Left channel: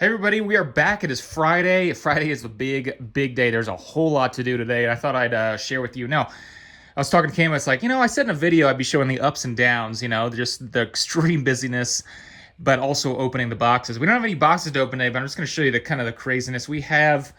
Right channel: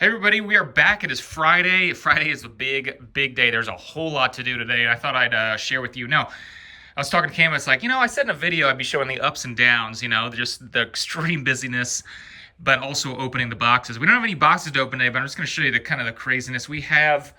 Hey everybody, we are back. It is Friday. Friday is a big day. There's a whole lot to do today, and I thought I'd share with you. Now, I was talking to Cam. It's like, I said in a video I'd be showing the ups and downs. Just the extreme busyness, but also opening the boxes. We don't have any boxes to open today, but I'm just going to show you the kind of the craziness. We have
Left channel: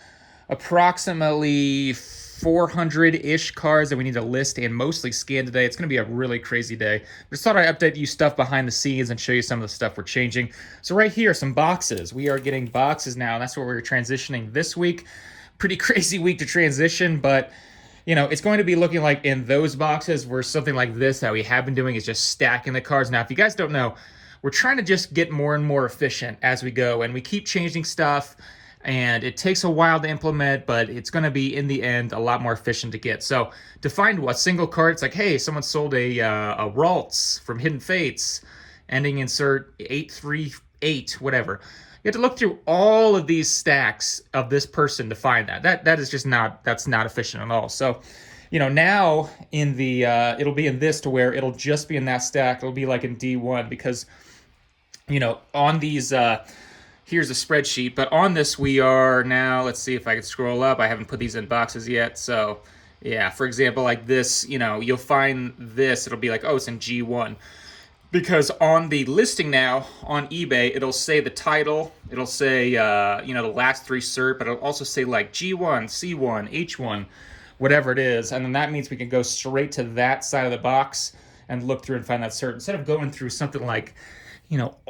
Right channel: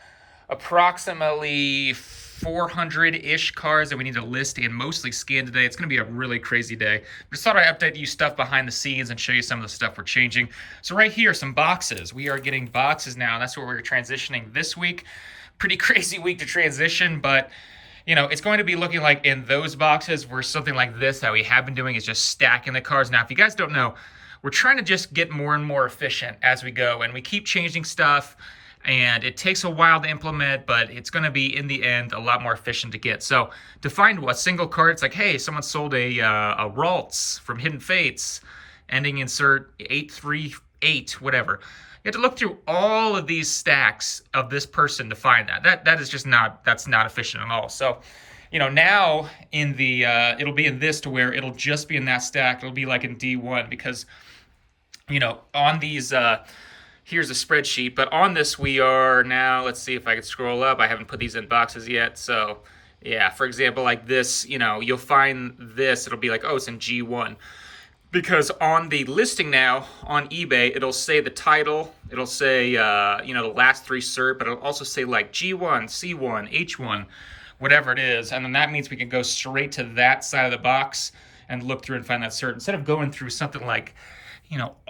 approximately 400-ish cards that we need to list and mostly scan today. It's going to be a really crazy day. Just thought I'd update you stuff behind the scenes and show you some of the stuff we're changing. So right here, some boxes. We are getting boxes now. That's what we're transitioning this week. Pretty crazy week to transition, but it's going to be looking like in those boxes where something like this that we have been doing is just stacking the cards. Now, if you guys don't know, we're trying to just get more and more efficient as we go, and we keep changing stuff. And it takes a while to implement, but it's going to be, in the end, a lot more efficient to get. So to find a single card, it's like, hey, someone sold a Ralts from Hidden Fates, ending insert 838, whatever. You have to look through all of these stacks of this person to find that. That is just that's not efficient at all. So, now in the, it'll be in this to where it'll just be in that stack. It'll be like in D1 because, on these, here's a spreadsheet, but on this we are now, let's see if I can scroll up. I haven't put these in boxes yet. So yeah, for example, like this, you'll find this, it'll be like, oh, it's in G1. Because on the listing now on eBay, it'll say the title, it'll say, the last three cert, but it'll also say like G1, C1, H1, whatever it is. And then that means we can go straight to that side of the box and look through and find that cert instead of going through something like,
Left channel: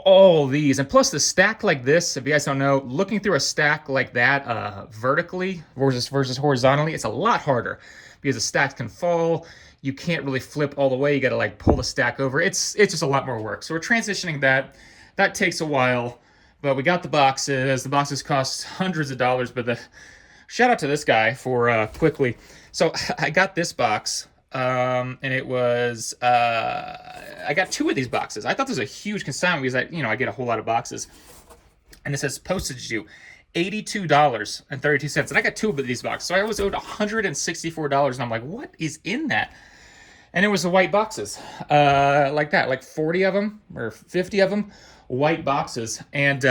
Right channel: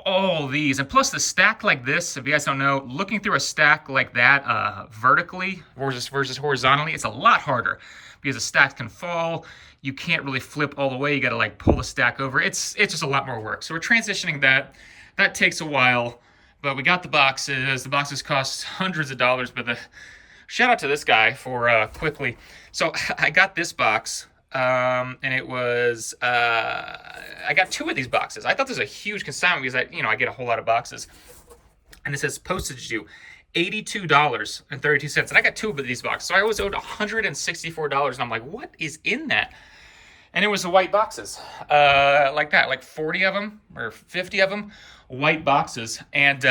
all these. And plus the stack like this, if you guys don't know, looking through a stack like that vertically versus horizontally, it's a lot harder because the stacks can fall. You can't really flip all the way. You got to like pull the stack over. It's just a lot more work. So we're transitioning that. That takes a while, but we got the boxes. The boxes cost hundreds of dollars, but shout out to this guy for quickly. So I got this box. And it was, I got two of these boxes. I thought this was a huge consignment because I get a whole lot of boxes. And it says postage due $82.32. And I got two of these boxes. So I was owed $164. And I'm like, what is in that? And it was the white boxes, like that, like 40 of them or 50 of them, white boxes. And,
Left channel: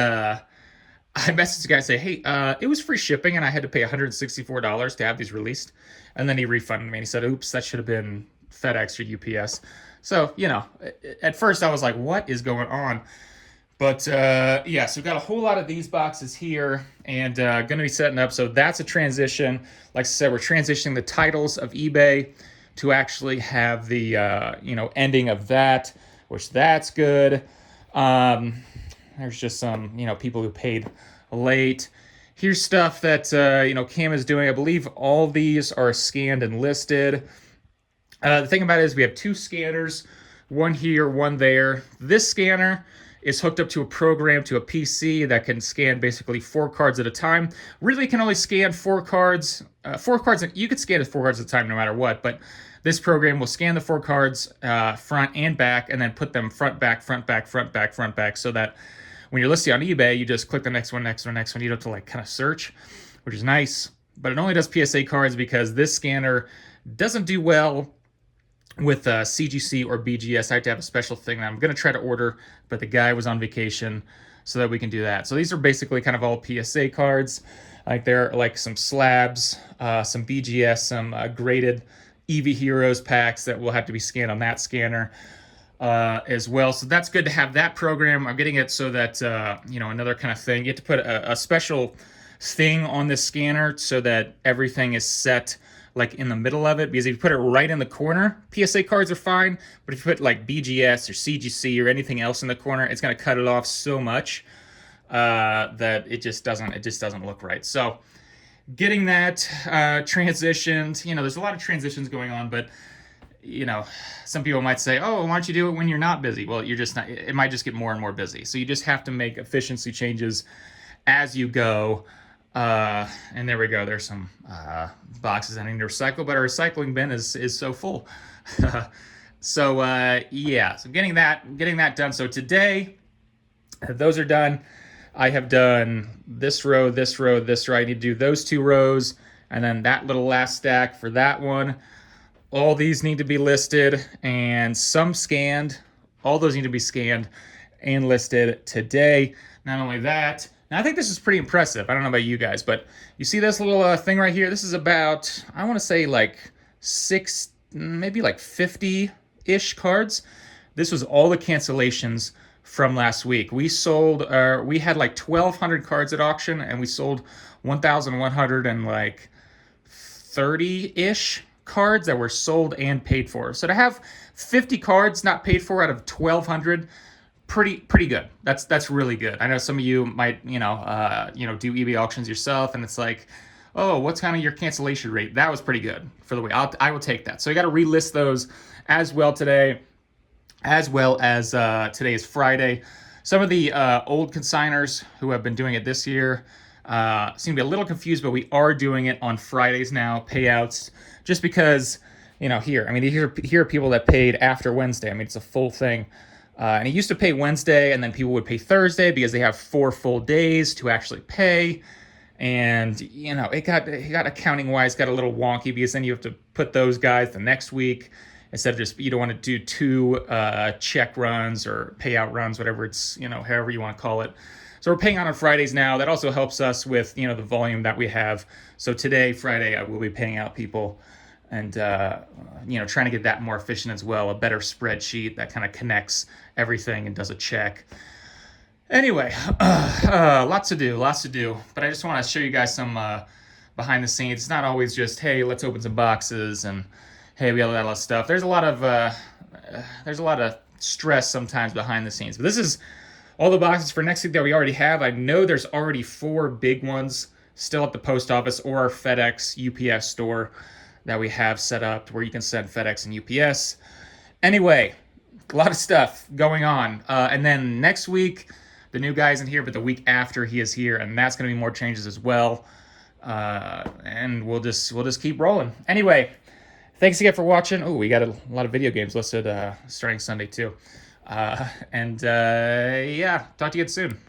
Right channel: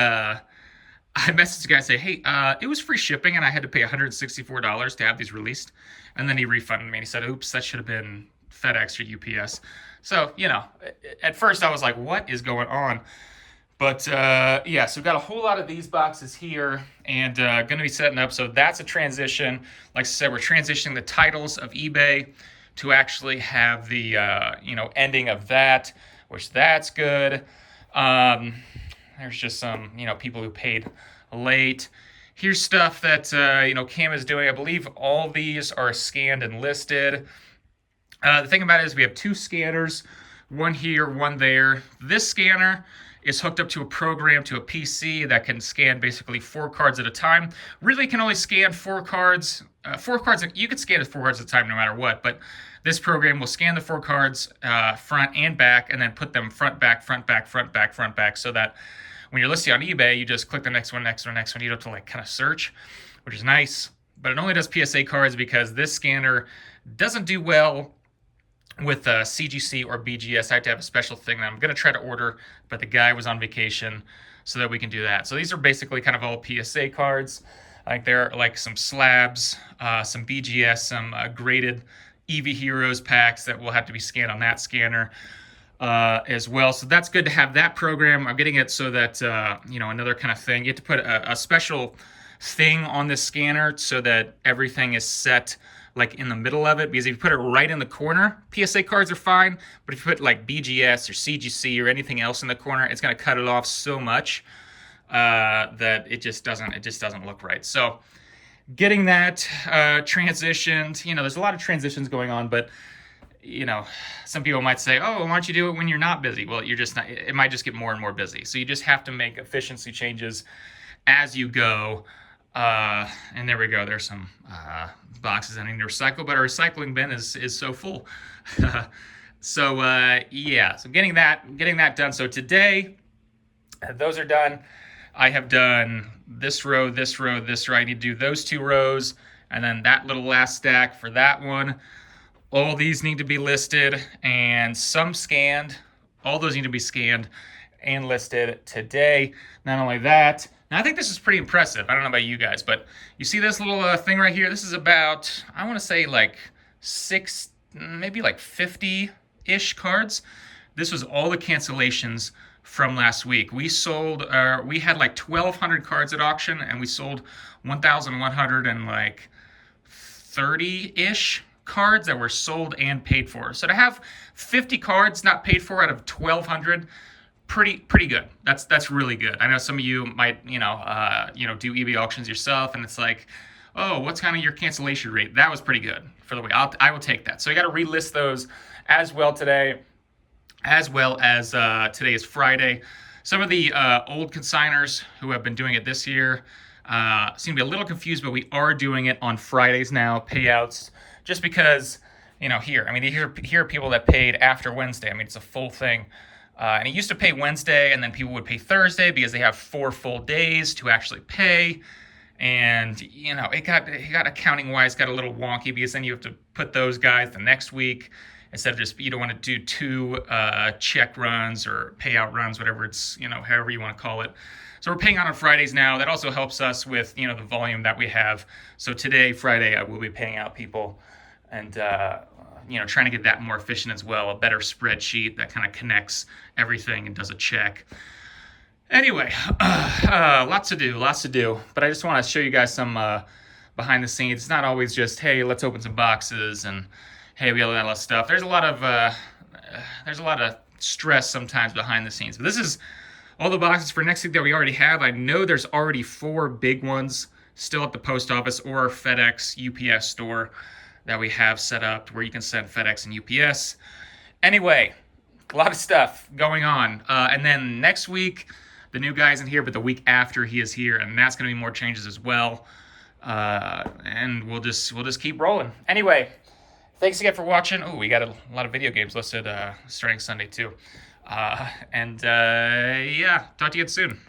I messaged the guy and say, hey, it was free shipping and I had to pay $164 to have these released. And then he refunded me and he said, oops, that should have been FedEx or UPS. So, at first I was like, what is going on? But yeah, so we've got a whole lot of these boxes here and going to be setting up. So that's a transition. Like I said, we're transitioning the titles of eBay to actually have the, ending of that, which that's good. There's just some, people who paid late. Here's stuff that, Cam is doing. I believe all these are scanned and listed. The thing about it is we have two scanners, one here, one there. This scanner is hooked up to a program, to a PC that can scan basically 4 cards at a time. Really can only scan 4 cards. 4 cards, you could scan 4 cards at a time no matter what, but this program will scan the 4 cards front and back and then put them front, back, front, back, front, back, front, back, so that when you're listing on eBay, you just click the next one, next one, next one. You don't have to kind of search, which is nice. But it only does PSA cards because this scanner doesn't do well with CGC or BGS. I have to have a special thing that I'm going to try to order, but the guy was on vacation so that we can do that. So these are basically kind of all PSA cards. Like they're like some slabs, some BGS, some graded EV Heroes packs that will have to be scanned on that scanner. As well. So that's good to have that program. I'm getting it so that, another kind of thing. You have to put a special thing on this scanner so that everything is set like in the middle of it. Because if you put it right in the corner, PSA cards are fine. But if you put like BGS or CGC or anything else in the corner, it's going to cut it off so much that it just doesn't look right. So getting that transitioned, there's a lot of transitions going on, but some people might say, oh, why don't you do it when you're not busy? Well, you're just not, it might just get more and more busy. So you just have to make efficiency changes as you go. And there we go. There's some boxes I need to recycle, but our recycling bin is so full. So yeah, so getting that done. So today, those are done. I have done this row, this row, this row. I need to do those 2 rows, and then that little last stack for that one. All these need to be listed and some scanned. All those need to be scanned. and listed today. Not only that, now I think this is pretty impressive. I don't know about you guys, but you see this little thing right here? This is about, I want to say like maybe like 50-ish cards. This was all the cancellations from last week. We had like 1,200 cards at auction, and we sold 1,100 and like 30-ish cards that were sold and paid for. So to have 50 cards not paid for out of 1,200, pretty good. That's really good. I know some of you might do eBay auctions yourself, and it's like, oh, what's kind of your cancellation rate? That was pretty good for the way. I will take that. So you got to relist those as well today, as well as today is Friday. Some of the old consigners who have been doing it this year seem to be a little confused, but we are doing it on Fridays now, payouts, just because, here are people that paid after Wednesday. I mean, it's a full thing. And it used to pay Wednesday, and then people would pay Thursday because they have 4 full days to actually pay. And, it got accounting wise, got a little wonky because then you have to put those guys the next week instead of just, you don't want to do 2 check runs or payout runs, whatever it's, however you want to call it. So we're paying out on Fridays now. That also helps us with, the volume that we have. So today, Friday, I will be paying out people and, trying to get that more efficient as well. A better spreadsheet that kind of connects everything and does a check. Anyway, lots to do. But I just want to show you guys some behind the scenes. It's not always just, hey, let's open some boxes and, hey, we have a lot of stuff. There's a lot of stress sometimes behind the scenes. But this is all the boxes for next week that we already have. I know there's already 4 big ones still at the post office or our FedEx UPS store that we have set up where you can send FedEx and UPS. Anyway, a lot of stuff going on. And then next week, the new guy's in here, but the week after he is here, and that's going to be more changes as well. And we'll just keep rolling. Anyway, thanks again for watching. Oh, we got a lot of video games listed starting Sunday too. Yeah, talk to you again soon.